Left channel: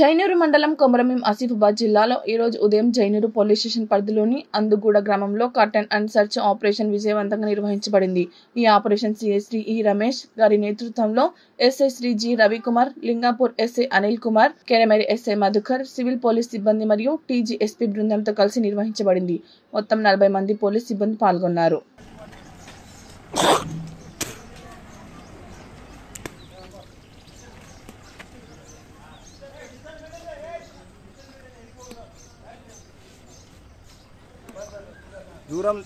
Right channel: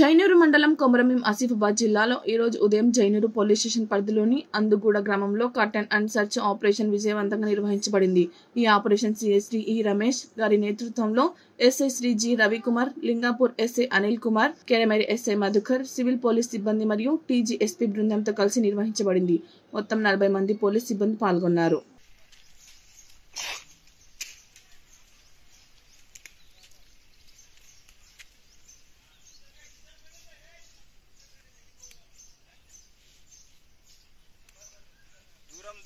జైనూరు మండలం కొమరంభీం ఆసిఫాబాద్ జిల్లాలో ఈ రోజు ఉదయం జైనూరు పోలీస్ స్టేషన్ పరిధిలోని అందుగూడ గ్రామంలో కట్ అండ్ సర్చ్ ఆపరేషన్ విజయవంతంగా నిర్వహించబడింది. ఈ ఆపరేషన్ సిఐ శ్రీ ఈ రమేష్ గారి నేతృత్వంలో SI Shri G Ravikumar, Lingapur SI Anil Kumar, Kedameri SI Madhukar, civil police సిబ్బంది మరియు టీజీ ఎస్పీ బృందంతో కలిసి నిర్వహించబడింది. మొత్తం 40 మంది పోలీస్ సిబ్బంది పాల్గొన్నారు. దూరం